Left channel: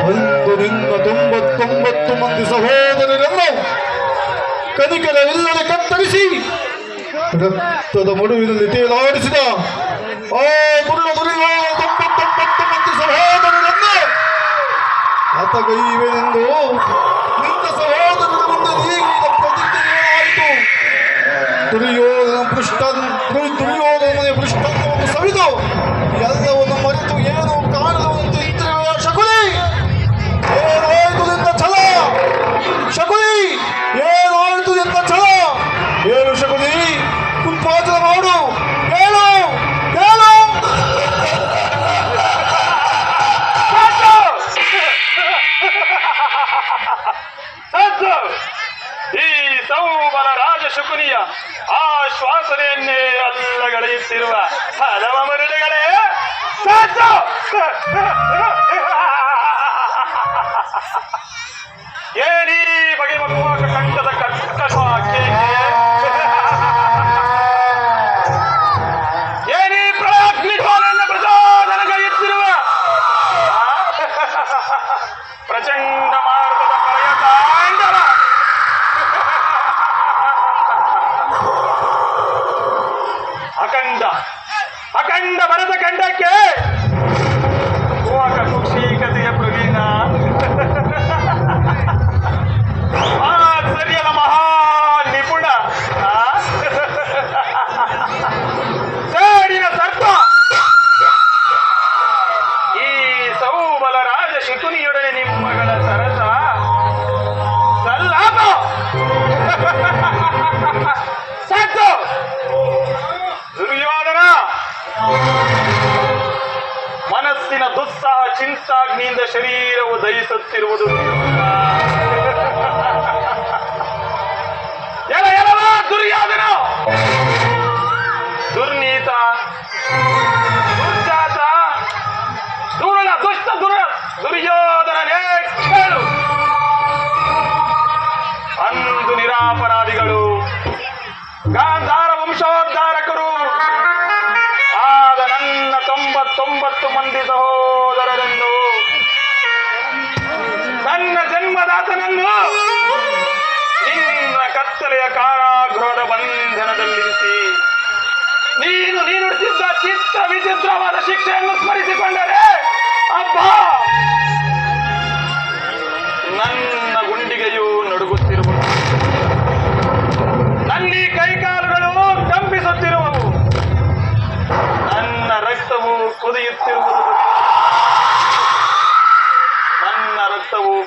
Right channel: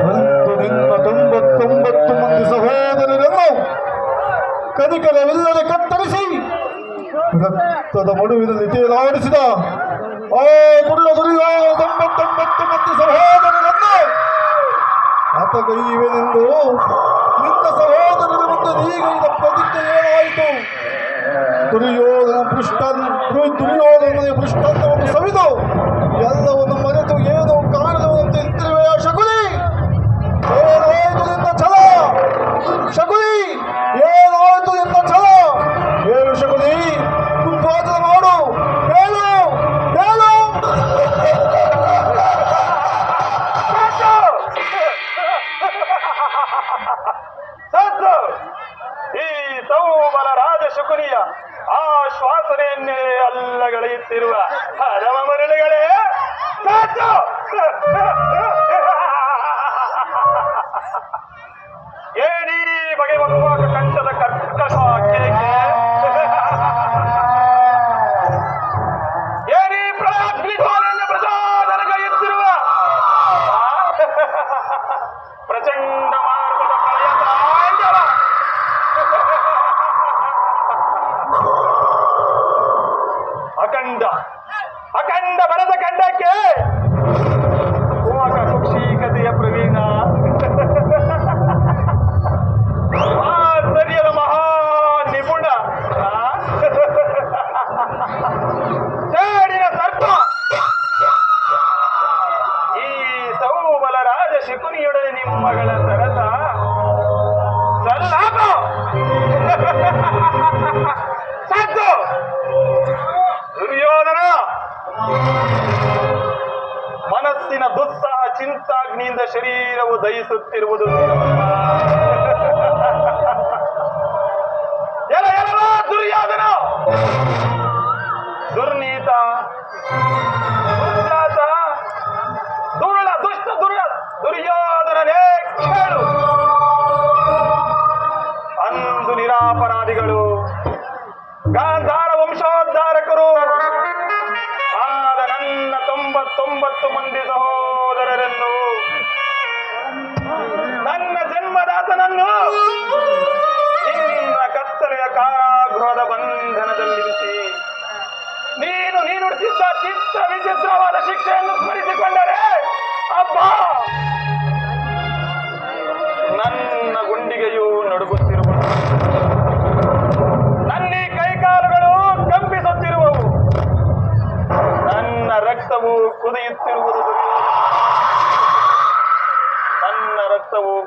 ಒಂದು ನಿನ್ನ 99 ಮಂದಿ ಸಹೋದರರನ್ನು ಕನಿಕರವಿಲ್ಲದೆ ಕತ್ತರಿಸಿ ರಕ್ತದ ಮಡುವಿನಲ್ಲಿ ತೇಲಾಡಿಸಿದ ಆ ಮುಳ್ಳ ದುರ್ಯೋಧನ 99 ಮಂದಿ ಸಹೋದರರನ್ನು ಆತಗೈವೆನೆಂದು ನಿನ್ನ ಸಹೋದರರ ಮುಂದೆ ನೀಗಿದ ಪ್ರತಿಜ್ಞೆ ಏನಾಯಿತು? ದುರ್ಯೋಧನ ಪೃಷ್ಠವನ್ನು ಸವಿದು ಎಲ್ಲವನ್ನು ಮರೆತು ಏನು ಕಾಣುವಂತೆ ಇದ್ದಿರುವ ಶಕುನಿ, ಏನಾಯಿತು ನಿನ್ನ ಛಲ? ಶಕುನಿ, ಏನಾಯಿತು ನಿನ್ನ ಛಲ? ಏನು ಶಕುನಿ, ಕುಂಭಾಚನ ಮಾಡು, ಹೇಳು ಹೇಳು. ಈ ಸೌಬಲ ರಾಜ ಶಕುನಿಯ ಆಶ್ವಾಸನೆಯನ್ನೇ ಅಲ್ಲಗಳೆಯುತ್ತಿರುವ ಹಲವ ಮರುಳುಗಳೇ, ಏನಿ ಬಗೆ ಬಗುವ ಕಂಠದ ಕರ್ಕಶ ಏನಿ ಪ್ರಾಗ್ನಿಗೋಲೆಯನ್ನು ಪ್ರಚೋದನೆಗೈಯುತ್ತಿರುವ ಪ್ರಚಂಡ ಮಾರ್ಗದ ಕಾಯತಾಂಡವ ಅಖಂಡ ಭರತ ಖಂಡಕ್ಕೆ ಕುಕ್ಷಿಕತೆಯ ಪ್ರವೀಣ ಸರಿಯದ ಮಹಾ ನಿಪುಣ ಸೇಡಿನ ಸರ್ಪ ಈ ಸೌಬಲ ರಾಜ ಶಕುನಿಯೊಡನೆ ನಿಮ್ಮಗಳ ಸರಸ ಸಲ್ಲಾಪ ಸಾಕು. ದುರ್ಯೋಧನ ಮನಸ್ಸಿನ ದುಸ್ಸಾಹ ಚಿಂತಾಗ್ನಿಯಿಂದ ಶರೀರವು ದಹಿಸುತ್ತಿರುವುದು ದುರ್ಯೋಧನ ದುರ್ನೀತ ದುರ್ಜಾತ ದುರುಳ ದುಷ್ಟ ದುರ್ಯೋಧನನೇ ಕೇಳು. ಅಂದು ನಿರಾಪರಾಧಿಗಳು ಗಾಂಧಾರ ವಂಶೋದ್ಧಾರಕರು ಆದ ನನ್ನ 99 ಮಂದಿ ಸಹೋದರರನ್ನು, ನನ್ನ ಜನ್ಮದಾತನನ್ನು ನಿನ್ನ ಕತ್ತಲೆಯ ಕಾರಾಗೃಹದ ಬಂಧನದಲ್ಲಿರಿಸಿ ನೀನು ನೀಡುತ್ತಿದ್ದ ಚಿತ್ರ ವಿಚಿತ್ರವಾದ ಶಿಕ್ಷೆಯನ್ನು ಸ್ಮರಿಸಿಕೊಂಡರೆ ಅಬ್ಬಾ ನನ್ನ ಗುಂಡಿಗೆಯೂ ನಡುಗುತ್ತಿರುವುದು, ನನ್ನ ಕೈಕಾಲುಗಳು ಕಂಪಿಸುತ್ತಿರುವವು, ನನ್ನ ರಕ್ತವು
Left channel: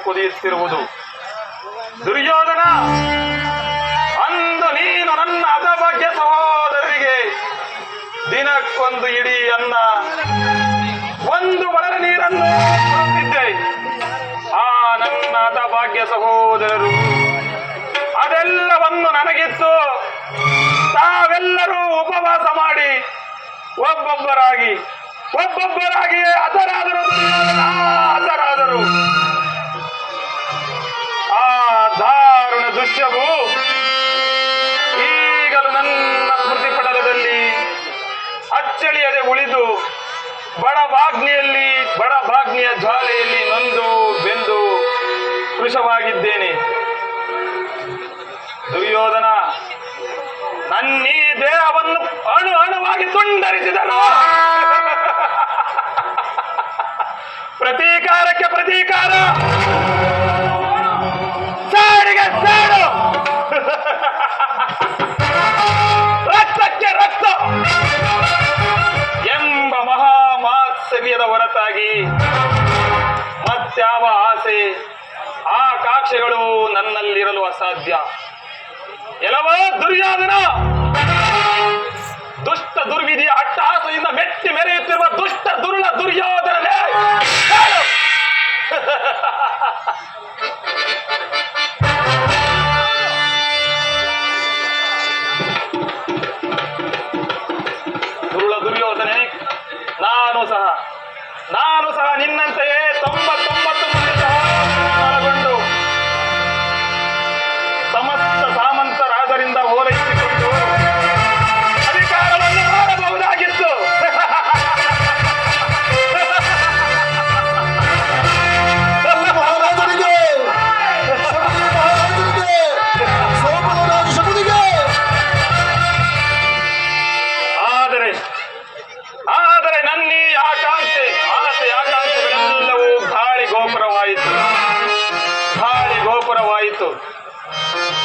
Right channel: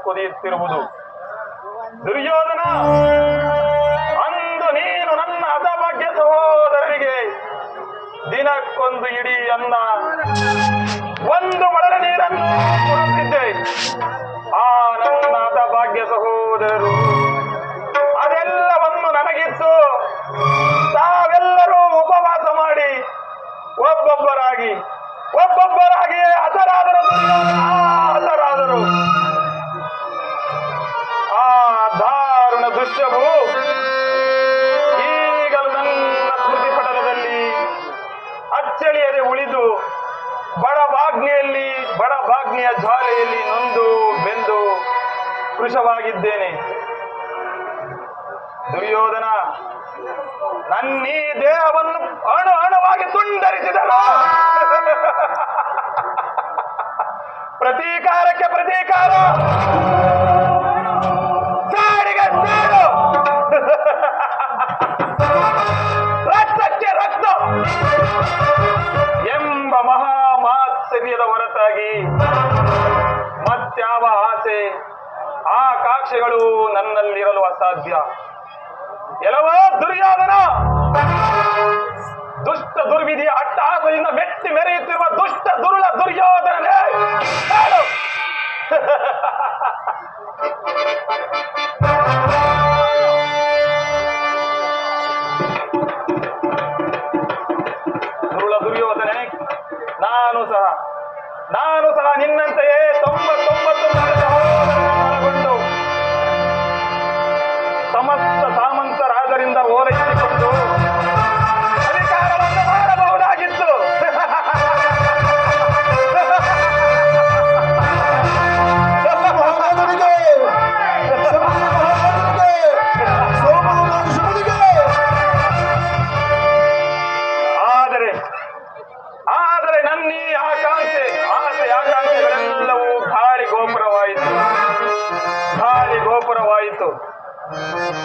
ಕುದಿಯುತ್ತಿರುವುದು. ದುರ್ಯೋಧನ, ಅಂದು ನೀನು ನನ್ನ ಹತಭಾಗ್ಯ ಸಹೋದರರಿಗೆ ದಿನಕ್ಕೊಂದು ಇಡೀ ಅನ್ನ, ಒಂದು ಮೊಳಲ ನೀರನ್ನು ಕೊಡುತ್ತಿದ್ದೆ. ಆ ನನ್ನ ಹತಭಾಗ್ಯ ಸಹೋದರರು ಅದೆಲ್ಲವನ್ನು ನನಗಿತ್ತು ತಾವೆಲ್ಲರೂ ಉಪವಾಸ ಮಾಡಿ ಒಬ್ಬೊಬ್ಬರಾಗಿಯೇ ಹತರಾದರು. ಹತರಾದರು. ಆ ದಾರುಣ ದೃಶ್ಯವು ಈಗಲೂ ನನ್ನ ಸ್ಮೃತಿ ಪಟಲದಲ್ಲಿ ಅಚ್ಚಳಿಯದೆ ಉಳಿದು ಬಡಭಾಗ್ನಿಯ ಜ್ವಾಲೆಯಲ್ಲಿ ನೊಂದು ಬೆಂದು ಕೃಶವಾಗಿದ್ದೇನೆ. ದುರ್ಯೋಧನ, ನನ್ನೀ ದೇಹವನ್ನು ಅಣುವಾಗಿ ತುಂಡರಿಸಿದನು. ಪ್ರತೀಕಾರಕ್ಕೆ ಪ್ರತೀಕಾರ, ಸಾಡಿಗೆ ಸಾಡು, ರಕ್ತಕ್ಕೆ ರಕ್ತ ಎಂಬ ಮಹಾಮಾತ್ಸರ್ಯದ ಹೊರತಾಗಿ ಮತ್ಯಾವ ಆಸೆ ಆಕಾಂಕ್ಷೆಗಳು ನನ್ನಲ್ಲಿರಲು ಅಸಾಧ್ಯ. ಎಲ್ಲವೋ ದುರ್ಯೋಧನ, ದುಷ್ಟ ದುರ್ವಿಧಿಯ ಅಟ್ಟಹಾಸದಿಂದ ಮೆಟ್ಟಿ ಮೆರೆಯುತ್ತಿರುವ ದುಷ್ಟ ದುರುಳ ದುರ್ಯೋಧನನೇ, ದುರುಳ ದುರ್ಯೋಧನೆ, ನಾನು ಸಹ ನಿನ್ನಂತೆಯೇ 99 ಮಂದಿ ಸಹೋದರರನ್ನೊಳಗೊಂಡು ಸಮಸ್ತ ಸಾಮಂತ ರಾಜರಿಂದ ಓಲೈಸಿಕೊಂಡು ಅಧಿಕಾರವನ್ನು ಮಾಡಬಹುದಾಗಿತ್ತು.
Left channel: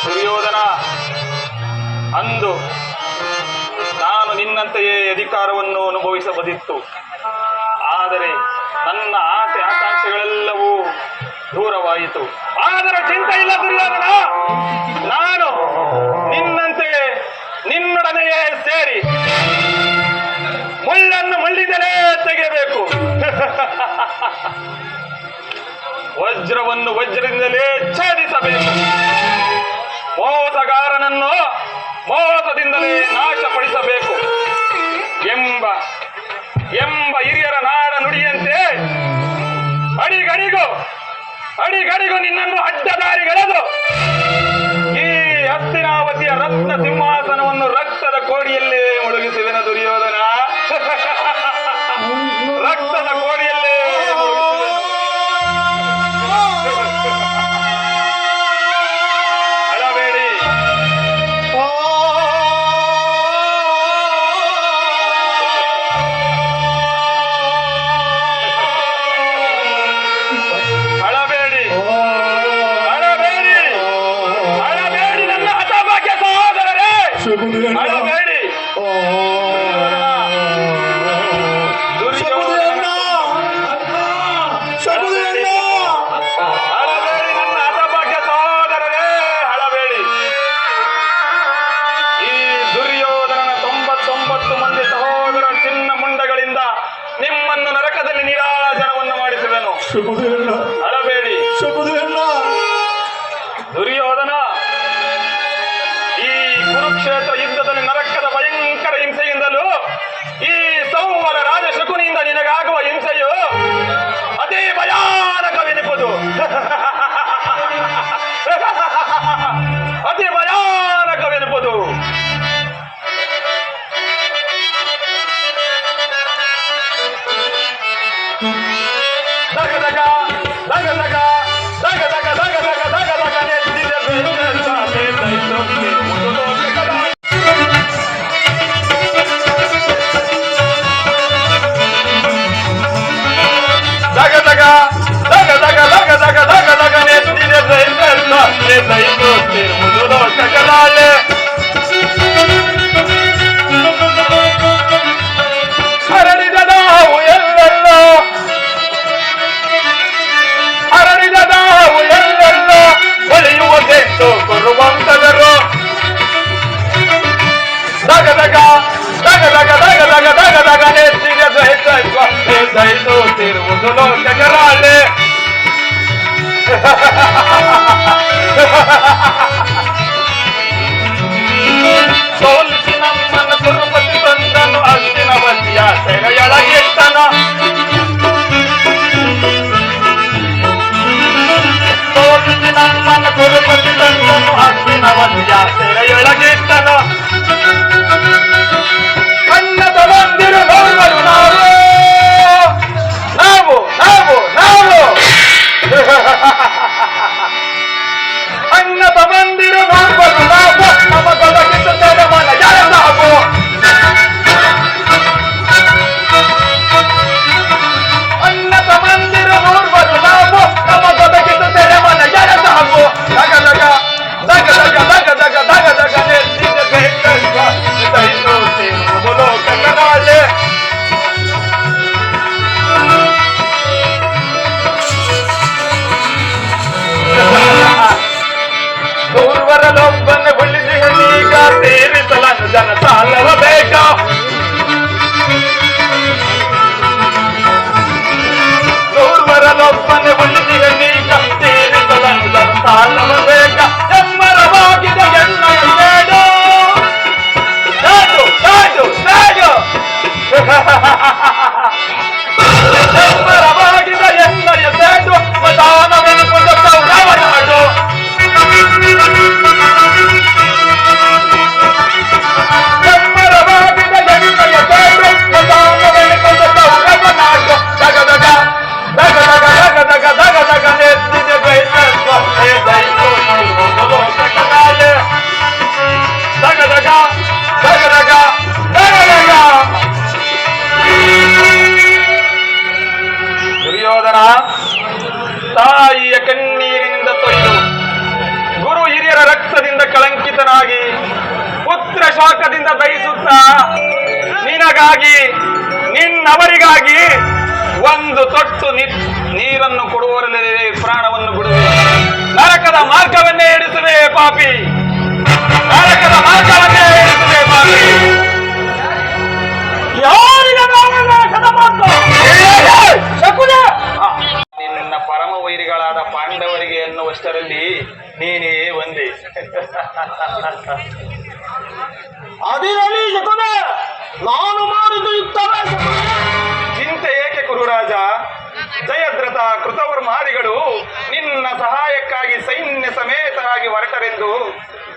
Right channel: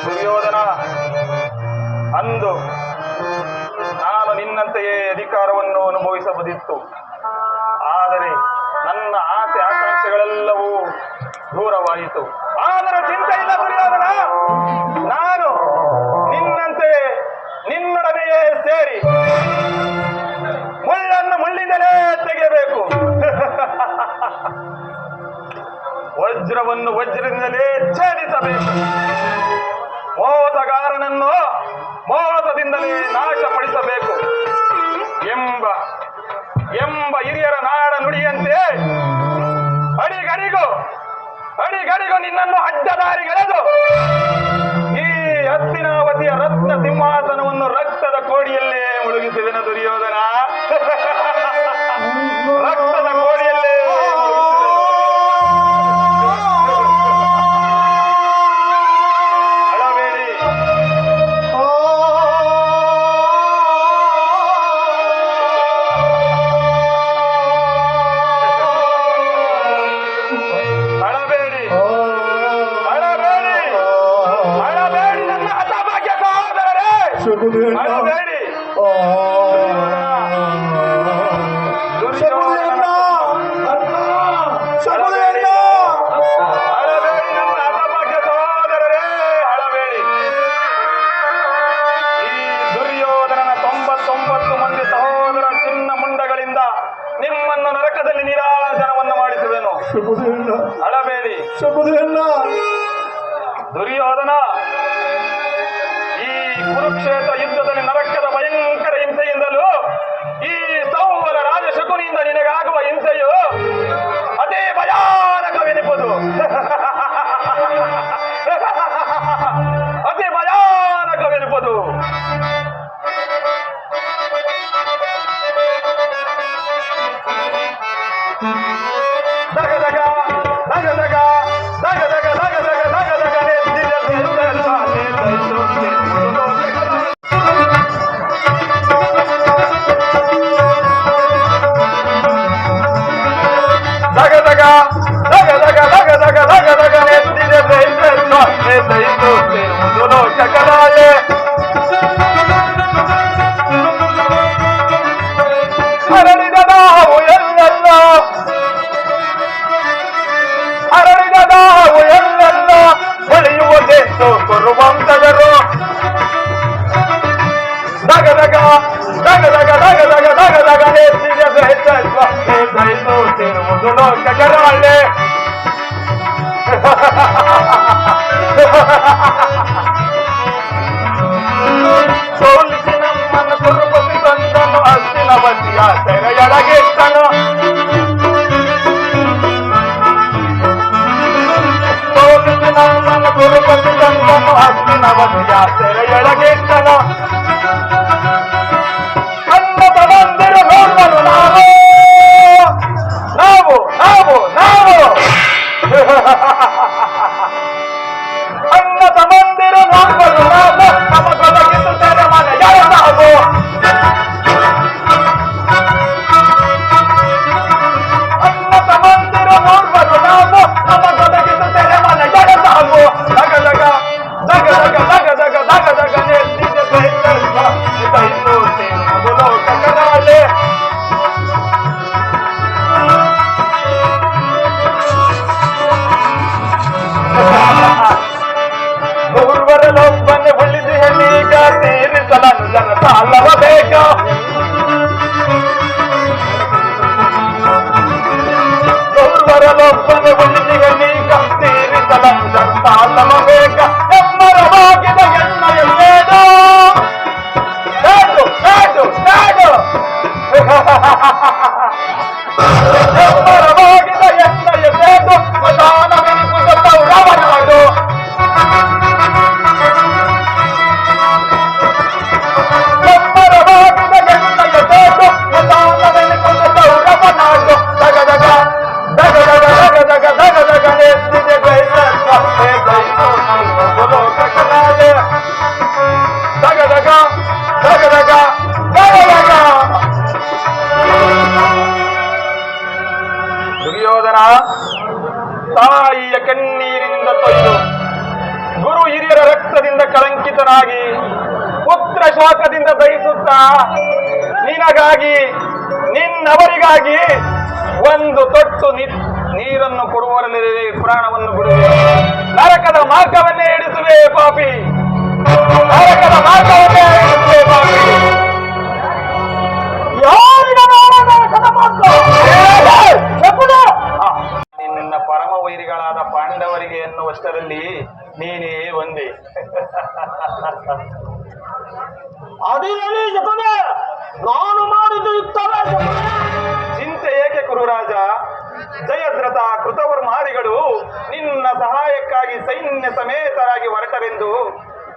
ದುರ್ಯೋಧನ, ಅಂದು ನಾನು ನಿನ್ನಂತೆಯೇ ಅಧಿಕಾರವನ್ನು ಅನುಭವಿಸಬಹುದಿತ್ತು. ಆದರೆ ನನ್ನ ಆಸೆ ಆಕಾಂಕ್ಷೆಗಳೆಲ್ಲವೂ ದೂರವಾಯಿತು. ಆದರೆ ಚಿಂತೆ ಇಲ್ಲ ದುರ್ಯೋಧನ, ನಾನು ನಿನ್ನಂತೆ ನಿನ್ನೊಡನೆಯೇ ಸೇರಿ ಮುಳ್ಳನ್ನು ಮುಳ್ಳಿಂದಲೇ ತೆಗೆಯಬೇಕು, ವಜ್ರವನ್ನು ವಜ್ರದಿಂದಲೇ ಛೇದಿಸಬೇಕು, ಮೋಸಗಾರನನ್ನು ಮೋಸದಿಂದಲೇ ನಾಶಪಡಿಸಬೇಕು ಎಂಬ ಹಿರಿಯರ ನಾಡ ನುಡಿಯಂತೆ ಅಡಿಗಡಿಗೂ ನಿನ್ನನ್ನು ಅಡ್ಡದಾರಿಗೆಳೆದು ಈ ಹಸ್ತಿನಾವತಿಯ ರತ್ನ ಸಿಂಹಾಸನವನ್ನು ರಕ್ತದ ಕೋಡಿಯಲ್ಲೇ ಮುಳುಗಿಸುವೆನು ದುರ್ಯೋಧನ. ರಕ್ತದ ಕೋಡಿಯಲ್ಲೇ ಅಳಬೇಡಿ. ಅಳಬೇಡಿ ನನ್ನ ಹತಭಾಗ್ಯ ಸಹೋದರರೇ, ಅಳಬೇಡಿ. ಅಳಬೇಡಿ ನನ್ನ ಹತಭಾಗ್ಯ ಸಹೋದರರೇ, ಅಳಬೇಡಿ. ಈ ದುರ್ಯೋಧನನ 99 ಮಂದಿ ಸಹೋದರ ಚಿನ್ನ ಮುಂಡಗಳಿಂದ ನಿಮ್ಮನ್ನು ನರಕದಲ್ಲಿ ನಿರಾಜನವನ್ನು ಮಾಡಿಸುವೆನು. ಅಳಬೇಡಿ ದುರ್ಯೋಧನ. ಈ ಕುರುಕ್ಷೇತ್ರ ಯುದ್ಧದಲ್ಲಿ ನರಕದ ಭಯಂಕರ ಹಿಂಸೆಯಿಂದಲೂ ಈ ಸಂವರ ರಾಜ ಶಕುನಿಯಿಂದ ನಿನಗಾಗುವ ಹಿಂಸೆಯು ಅದೇ ಭಯಾನಕವೆನಿಪುದು. ಅತಿ ಭಯಾನಕವೆನಿಪುದು. ದಗ ದಗ ದಗ ದಗ ದಗ ದಗ ದಗ ದಗ ದಗ ದಗ ಎದ್ದಿದೆ ದಗ ದಗ ದಗ ದಗ ದಗ ದಗ ದಗ ದಗ ಎದ್ದಿದೆ ಲೋಕಗಳಾಳೆ. ಹರಡಿದ ನಾವು ಎಲ್ಲೆಲ್ಲ ಹೊಳೆಯುವುದೆಂದು ಕೊರುವಂತದರು. ದಗ ದಗ ದಗ ದಗ ದಗ ದಗ ದಗ ದಗ ನೆತ್ತಿರುವುದು ಲೋಕಗಳಾಳೆ. ಸೋಲಿಸಿ ನಮ್ಮನ್ನು ತಿರುಪತಿ ತಂದನು, ಹಸ್ತಿನಾವತಿಯ ಸೆರೆಯೊಳಗಿಟ್ಟನು. ಸೋಲಿಸಿ ನಮ್ಮನ್ನು ತಿರುಪತಿ ತಂದನು, ಹಸ್ತಿನಾವತಿಯ ಸೆರೆಯೊಳಗಿಟ್ಟನು. ಕನ್ನಡ ಬಂದಿರು ನೋಡಲು ನಾವು ಅನ್ನದ ಮಂದಿರು ನೋಡಲು ನಾವು ನಮಗೊದಗಿದ್ದು ತೆರೆಮನ ಯಾರು. ಅನ್ನದ ಮಂದಿರು ನೋಡಲು ನಾವು ನಮಗೊದಗಿದ್ದು ತೆರೆಮನ ಯಾರು. ದಗ ದಗ ದಗ ದಗ ದಗ ದಗ ದಗ ದಗ ಲೋಕಗಳಾಳೆ. ಗೌರವರಲ್ಲೊಬ್ಬನೆ ಉಳಿಸಿ ಈಗ ತೀರಿಸಲನ್ನು ಜನ ಸಾಲವ ಬೇಕ. ಗೌರವರಲ್ಲೊಬ್ಬನೆ ಉಳಿಸಿ ಈಗ ತೀರಿಸಲನ್ನು ಜನ ಸಾಲವ ಬೇಕ. ಎಮ್ಮರವಾಗಿದೆ ಎಣ್ಣೆಯ ಸೇಡು ನಾಡು ನಾಡು ನಾಡು. ಎಮ್ಮರವಾಗಿದೆ ಎಣ್ಣೆಯ ಸೇಡು ಮದಾನವೆನಿಪುದು ಕೌರವ ನಾಡು. ದುರ್ಯೋಧನ ತಾಯಿಯ ಕಣ್ಣೀರಿಂದ ತೊಯ್ದು ಗುರು ಹಿರಿಯರ ರಕ್ತದಿಂದ ಕಳಂಕಿತನಾಗಿ ಪುತ್ರ ಶಾಖದಿಂದ ದಹಿಸುತ್ತಾ ನಿನಗಾಗಿ ನಿನ್ನವರಿಗಾಗಿ ಒಂದು ತೊಟ್ಟು ನೀರನ್ನು ಕೊಡುವವರಲ್ಲದೆ ಪ್ರಾಣವನ್ನು ಬಿಡುವೆ. ನರಕದ ಮಾರ್ಗವನ್ನೇ ಹಿಡಿಸುವೆ ಪಾಪಿ, ನರಕದ ಮಾರ್ಗವನ್ನೇ ಹಿಡಿಸುವೆ ಪಾಪಿ. ಯಾರಿಗೆ ನರಕದ ಮಾರ್ಗ? ಶಕುನ! ನಿನ್ನ ಪರಮ ವೈರಿಗಳಾದ ಪಾಂಡವರಿಗೆ ಎನ್ನುವಷ್ಟರಲ್ಲಿ ನೀನೇ ಒಂದೇ. ಅದಿರಲಿ ಶಕುನ, ನಾನು ಮಾಡಿದ್ದು ಯುಕ್ತವೇ ಶಕುನ. ಚಿಂತೆ ಏಕೆ ಕುರುರಾಜ? ಜಯದ್ರಥ ಕೃತವರ್ಮಾದಿಗಳು ನಿನ್ನ ಸಹಾಯಕ್ಕಾಗಿ ಸೈನ್ಯ ಸಮೇತರಾಗಿ ಹೊರಟರೆಂದು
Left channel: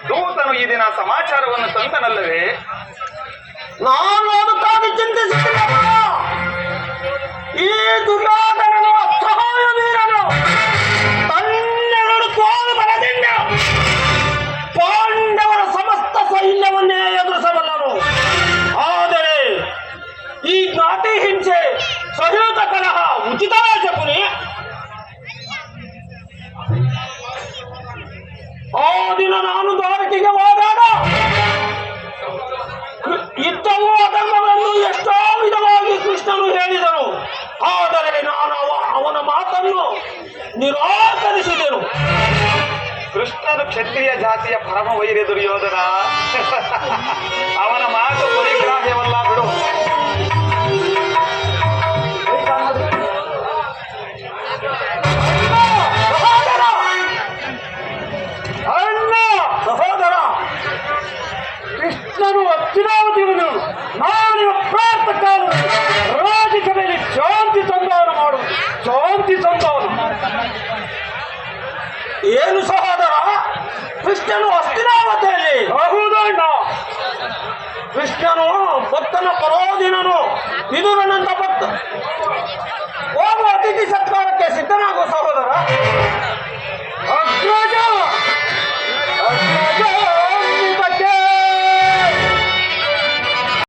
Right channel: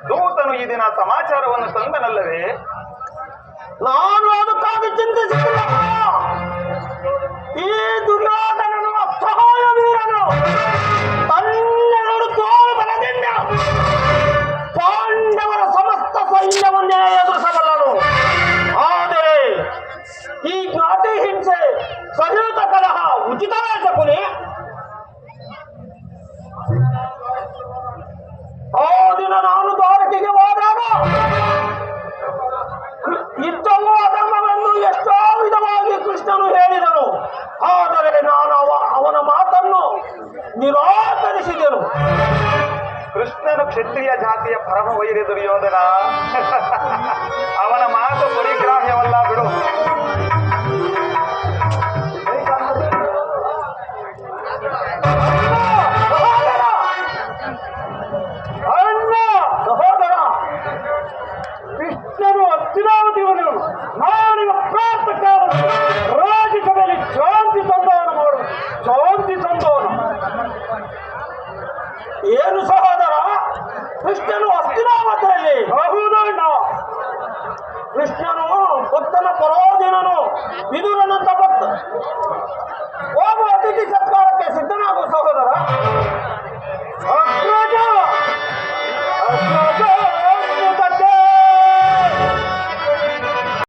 ದೂತನು ಈ ದಿನ ಸಮಾಚಾರವನ್ನು ತಂದನಲ್ಲವೇ? ನಾನು ಅದಕ್ಕಾಗಿ ಚಿಂತಿಸುತ್ತಿಲ್ಲ. ಈ ದುರ್ಯೋಧನನು ಅಸಹಾಯ ವೀರನು ತನ್ನೆರಡು ತೋಳು ಬಲದಿಂದ ಪಾಂಡವರ ಸಮಸ್ತ ಸೈನ್ಯವನ್ನೇ ಎದುರಿಸಬಲ್ಲನು. ಆದರೆ ಈ ಜ್ಞಾತಿ ಹಿಂಸೆ ಸಹಿತ ಕಲಹ ಉಚಿತವೇ ಶಕುನಿ? ಆ ದಿನ ನಾನು ದ್ವಾರಕೆಗೆ ಹೋದಾಗ ಯುದ್ಧವು ಅಧರ್ಮವನ್ನು ಎಷ್ಟೋ ವಿಧವಾಗಿ ಕೃಷ್ಣನು ಹೇಳಿದನು. ಆದರೆ ನಾನು ಅವನ ಮಾತನ್ನು ನಿರಾಕರಿಸಿದೆನು. ಕೃಷ್ಣನು ಕ್ಷತ್ರಿಯ ಜಾತಿಯ ಪರಮ ವೈರಿ ದುರ್ಯೋಧನ. ಅವನ ಮಾತು ಪರಿಗ್ರಾಹ್ಯವಲ್ಲ ಬಿಡು. ಸಹೋದರ, ಕೃಷ್ಣನು ಅಚ್ಯುತಾವಧಿಯನ್ನು ನಾನು ಪ್ರಾರ್ಥಕ ರಾಜಸಭೆಯಲ್ಲಿ ಶಾಂತಿ ಸಂಧಾನ ಮಾಡು, ಶಾಂತಿ ಸಂಧಾನ. ಏನು ಸಹೋದರ, ಕೃಷ್ಣನು ಹಸ್ತಿನಾವತಿಯಲ್ಲಿ? ಹೌದಣ್ಣ. ಕೃಷ್ಣನು ಭಕ್ತನ ಪರೋದಿನನು, ವಿದುರನಂತ ಭಕ್ತ. ಹೋಗುವ ಅತಿಥಿ ಸತ್ಕಾರಕ್ಕೆ ಸಿದ್ಧನಾಗುವ ಸಹೋದರ.